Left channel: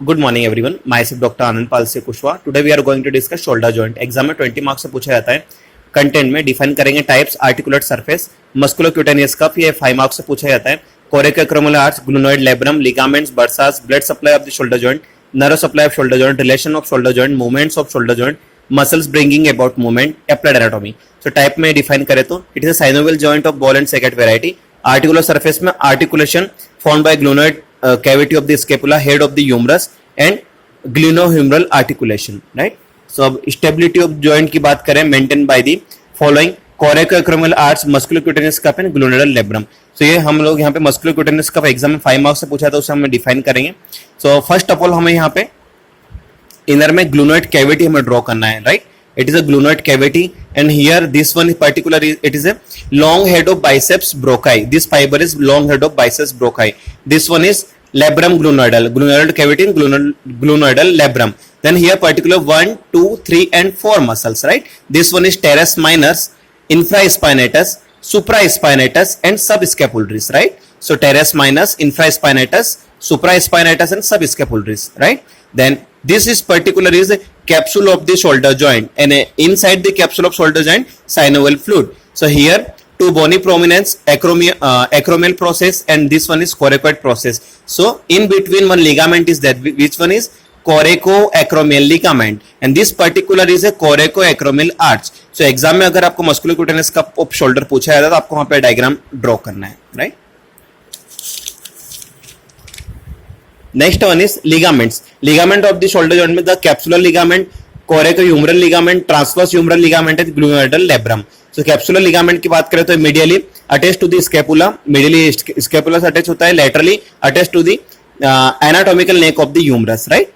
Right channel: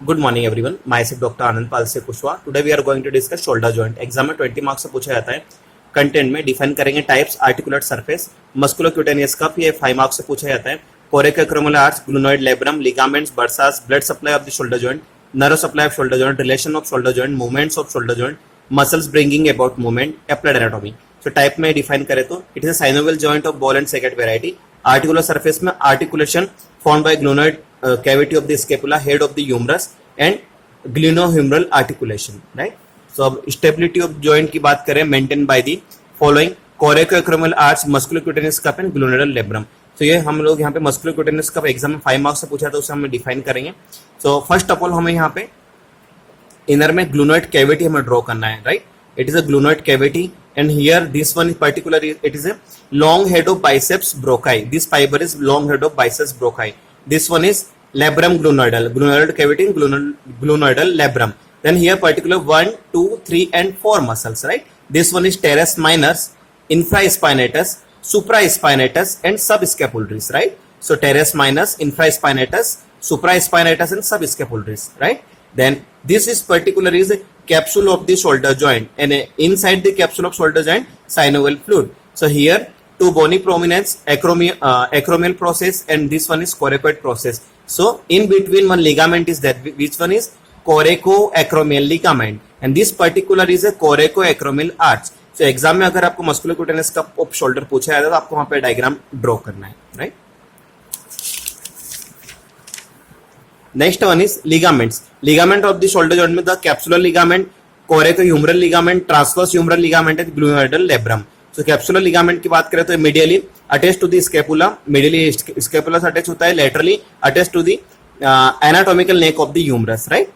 Good morning everyone, myself doctor Anand Pal से Kushwaha. Today we are going to discuss shoulder joint. Exam में 20 marks से पूछा जाता है। कंटेंट में डिफाइन करेंगे types, articulate surface, musculocutaneous cuff, ये 5 मार्क्स से पूछा जाता है। Coracoacromial arch, glenoid, labrum, ligaments, bursas, blood supply of the shoulder joint, nerve supply of shoulder joint, relation of shoulder joint, movements of shoulder joint, muscles bringing about movement, applied anatomy. तो type में define करें तो it is a synovial joint of ball and socket variety. Articular surface में articulation formed by ग्लूनोइड cavity of the scapula, head of the humerus and glenohumeral articulation, right. So अब stability of joint की बात करें, maintain by the following coracoacromial arch, musculocutaneous cuff and glenoidal labrum. तो ये हम लोग यहाँ पे मस्कुलोक्यूटेनियस कफ एग्जाम में 5 मार्क्स से पूछा था, उसे हम डिफाइन करेंगे। सो फर्स्ट ऑफ ऑल हमें यहाँ पे इनर में ग्लूनोइड कैविटी हमें ड्रॉ करना है, right. It is a glenoid cavity and here this one in particular it is a long head of biceps brachii. This fiber is long head of biceps brachii. This one is labrum glunoidal, glunoidal cavity and glunoidal labrum. Then here particular 1, 2, 3 and 4 muscles, right. This one is teres minors, infraspinatus, supraspinatus and subscapularis, right. So teres minors, infraspinatus, supraspinatus and subscapularis, right. Then this is particular is the capsule of the shoulder joint and inside the capsule of shoulder joint synovial fluid. So here two bony prominence, acromial process and this one is coracoid process. So in between one ligament is that, which one is coracoacromial ligament and this particular is a coracoacromial arch. So exam में अगर आपको musculocutaneous कफ off shoulder पूछा जाता है तो आपको वहां पे डायग्राम ड्रॉ करना है, right. Next one is ligaments. Ligament of the shoulder joint में the capsular ligament, coracohumeral ligament, transverse humeral ligament and glenoidal labrum. So capsular ligament की बात करें तो medially attached to the scapula, medially scapula से attach होता है, laterally attached to the anatomical neck of the humerus, right?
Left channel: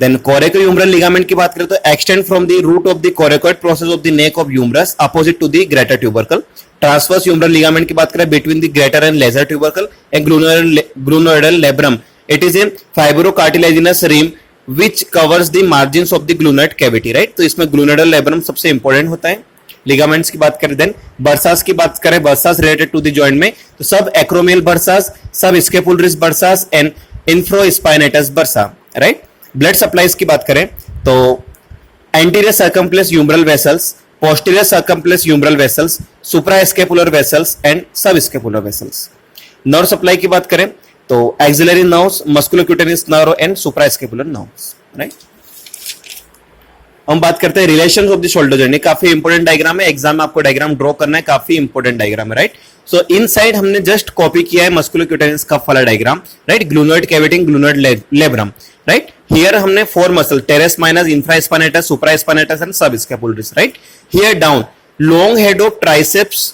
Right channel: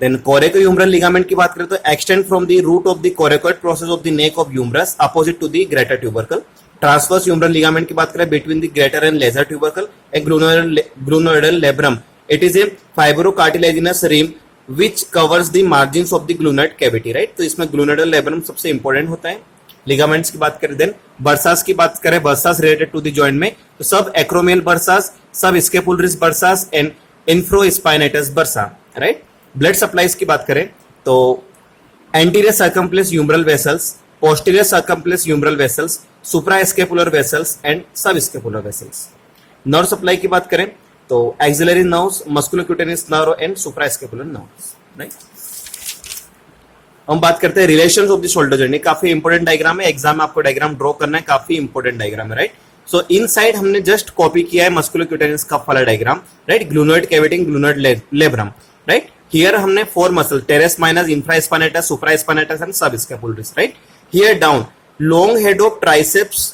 Then coracohumeral ligament की बात करें तो extend from the root of the coracoid process of the neck of humerus opposite to the greater tubercle. Transverse humeral ligament की बात करें between the greater and lesser tubercle and glenoidal labrum. It is a fibrocartilaginous rim which covers the margins of the glenoid cavity, right. तो इसमें glenoidal labrum सबसे important होता है। Ligaments की बात करें, देन बर्सास की बात करें, bursas related to the joint में तो sub acromial bursas, sub scapularis bursas and infraspinatus bursa, right. Blood supplies की बात करें तो anterior circumflex humeral vessels, posterior circumflex humeral vessels, suprascapular vessels and subscapular vessels. Nerve supply की बात करें तो axillary nerves, musculocutaneous nerve and suprascapular nerves, right. हम बात करते हैं relations of the shoulder joint. काफी इंपॉर्टेंट डायग्राम है, एग्जाम में आपको डायग्राम ड्रॉ करना है, काफी इंपॉर्टेंट डायग्राम है, राइट। सो इनसाइड हमने जस्ट कॉपी किया है मस्कुलोक्यूटेनियस कफ वाला diagram, right. Glenoid cavity, glenoid labrum, right. Here हमने 4 muscle, teres minus, infraspinatus, supraspinatus and subscapularis, right. Here down long head of triceps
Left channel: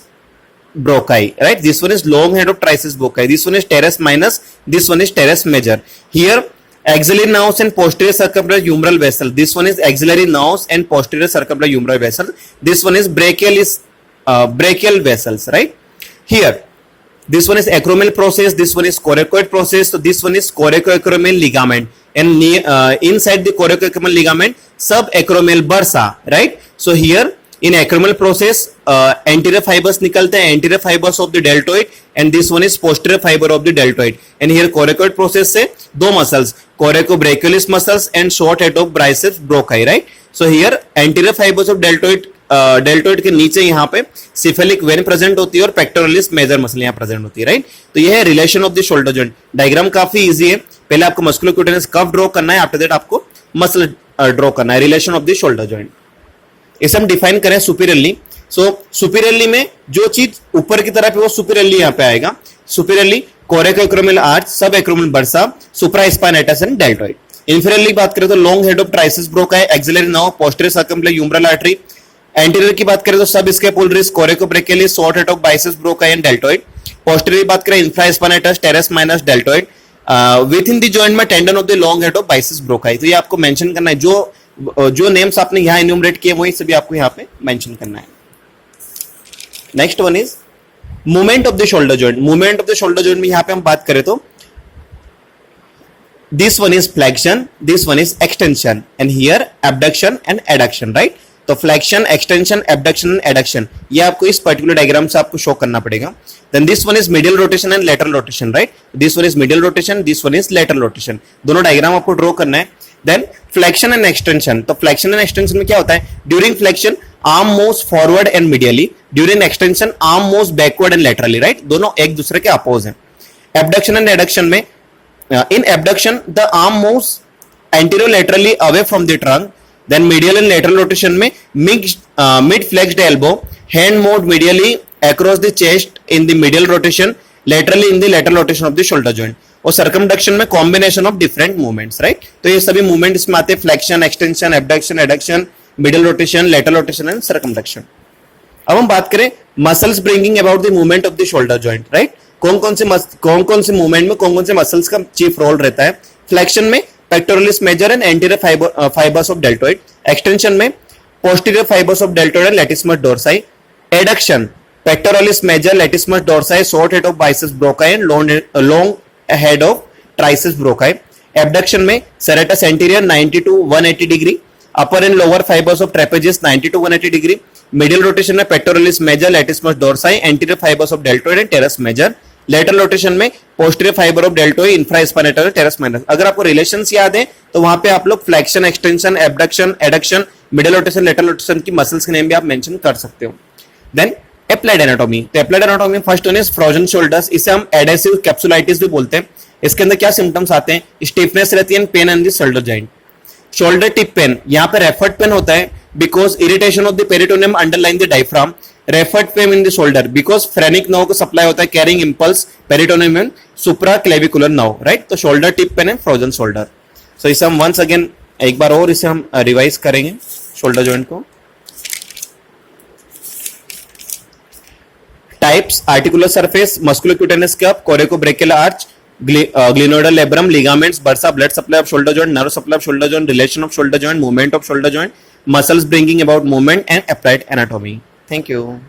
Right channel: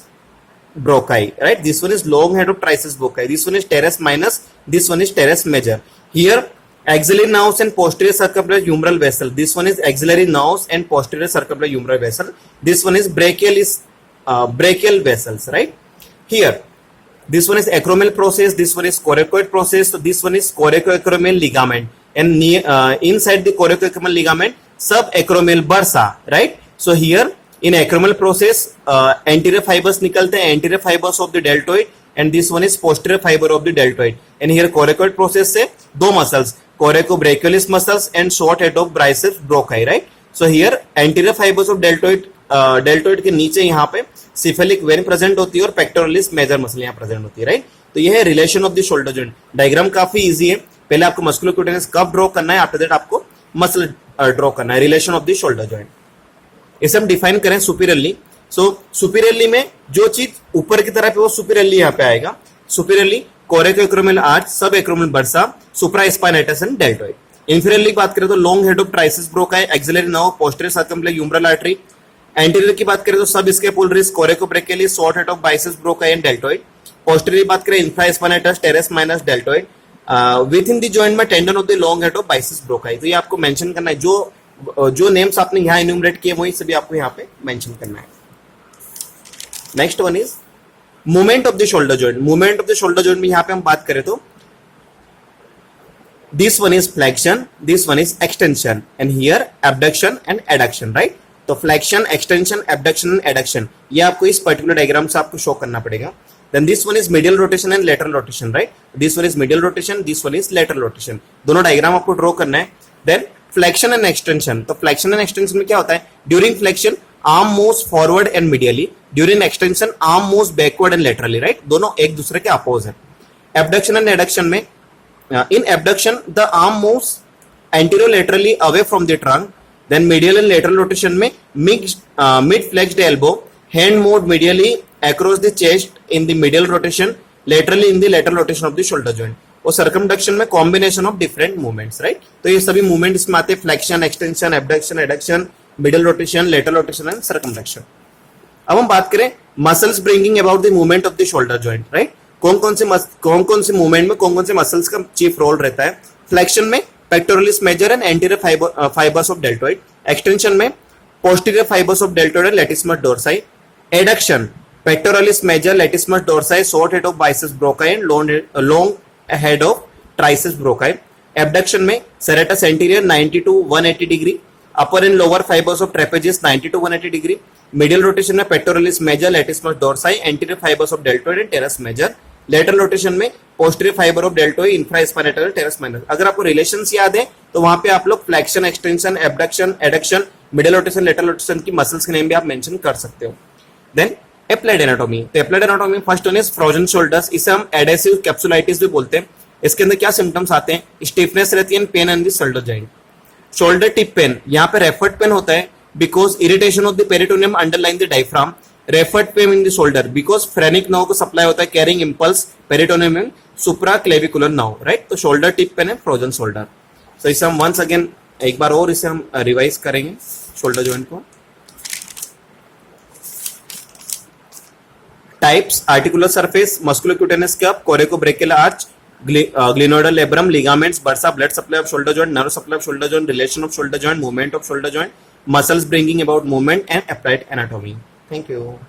brachii, right. This one is long head of triceps brachii. This one is teres minus, this one is teres major. Here axillary nerves and posterior circumflex humeral vessel. This one is axillary nerves and posterior circumflex humeral vessel. This one is brachial vessels, right. Here this one is acromial process, this one is coracoid process. So this one is coracoacromial ligament and inside the coracoacromial ligament subacromial bursa, right. So here in acromial process anterior fibers निकलते हैं, anterior fibers of the deltoid and this one is posterior fiber of the deltoid and here coracoid process से 2 muscles, coracobrachialis muscles and short head of biceps brachii, right. So here anterior fibers of deltoid के नीचे यहाँ पे cephalic vein present होती है और pectoralis major muscle यहाँ present होती है, right. तो ये है relation of the shoulder joint। Diagram काफी easy है, पहले आपको मस्कुलोक्यूटेनियस कफ ड्रॉ करना है, आफ्टर दैट आपको मसल ड्रॉ करना है, relation of the shoulder joint. इसे हम डिफाइन करें सुपीरियरली। सो सुपीरियरली में जो चीज ऊपर की तरफ है वो सुपीरियरली यहाँ पे आएगा। Superiorly coracoacromial arch, sub acromial bursa, supraspinatus and deltoid. Inferiorly बात करें तो long head of triceps brachii, axillary nerve, posterior circumflex humeral artery. Anterior की बात करें तो sub scapularis, coracobrachialis, short head of biceps brachii and deltoid. Posterior बात करें infraspinatus, teres minus, deltoid. Within the joint में tendon of the long head of biceps brachii. तो ये आपको मेंशन करना है, जो नेम्स आपने यहां एन्यूमरेट किए वही सभी आपको यहां पे मेंशन करना है। Next one is movement of the shoulder joint. Movement of the shoulder joint में यहां पे हम बात करें तो this one is flexion, this one is extension and here abduction and adduction, right. तो flexion, extension, abduction and adduction, ये आपको इस पर्टिकुलर डायग्राम से आपको शो करना पड़ेगा. Then this one is middle rotation and lateral rotation, right. This one is middle rotation, this one is lateral rotation. दोनों diagram आपको ड्रॉ करना है. देन फ्लेक्शन एंड एक्सटेंशन, तो फ्लेक्शन एंड एक्सटेंशन में क्या होता है? During flexion arm moves forward and medially, during extension arm moves backward and laterally, right. दोनों एक दूसरे के अपोज हैं. एबडक्शन एंड एडक्शन में, in abduction the arm moves anterolaterally away from the trunk. Then medial and lateral rotation में mid flexed elbow, hand moved medially across the chest in the medial rotation, laterally in the lateral rotation of the shoulder joint. और circumduction में combination of different movements, right. तो ये सभी movement इसमें आते हैं, flexion, extension, abduction, adduction, middle rotation, lateral rotation and circumduction. अब हम बात करें muscles bringing about the movement of the shoulder joint, right. कौन कौन से मूवमेंट में कौन कौन से मसल्स का चीफ रोल रहता है? फ्लेक्शन में pectoralis major and anterior fibres of deltoid. Extension में posterior fibres of deltoid and latissimus dorsi. Adduction pectoralis major, latissimus dorsi, short head of biceps brachii and long head of triceps brachii. Abduction में serratus anterior 90 to 180 degree, upper and lower fibres of trapezius 90 to 180 degree. Middle rotation में pectoralis major, latissimus dorsi, anterior fibres of deltoid and teres major. Lateral rotation में posterior fibre of deltoid, infraspinatus, teres minor. अगर आपको relations याद है तो वहां पे आप लोग flexion, extension, abduction, adduction, middle rotation, lateral rotation की मसल्स के नेम भी आप मेंशन कर सकते हो. Then applied anatomy. तो applied anatomy first one is frozen shoulders. इसे हम एडेसिव कैप्सुलाइटिस भी बोलते हैं. इसके अंदर क्या सिम्टम्स आते हैं? स्टिफनेस रहती है, pain in the shoulder joint. Shoulder tip pain, यहाँ पे रेफर्ड पेन होता है because irritation of the peritoneum underlying the diaphragm. Referred pain in the shoulder because phrenic nerve को सप्लाई होता है carrying impulse peritoneum and supraclavicular nerve, right. तो shoulder tip pain है frozen shoulder. So इसे हम once again एक बार और इसे हम रिवाइज करेंगे shoulder joint को. Types: articular surface, musculocutaneous cup, coracobrachial arch, glenoidal labrum, ligaments, bursa, blood supply of shoulder joint, nerve supply of shoulder joint, relation of shoulder joint, movement of shoulder joint, muscles bringing about movement and applied anatomy. Thank you.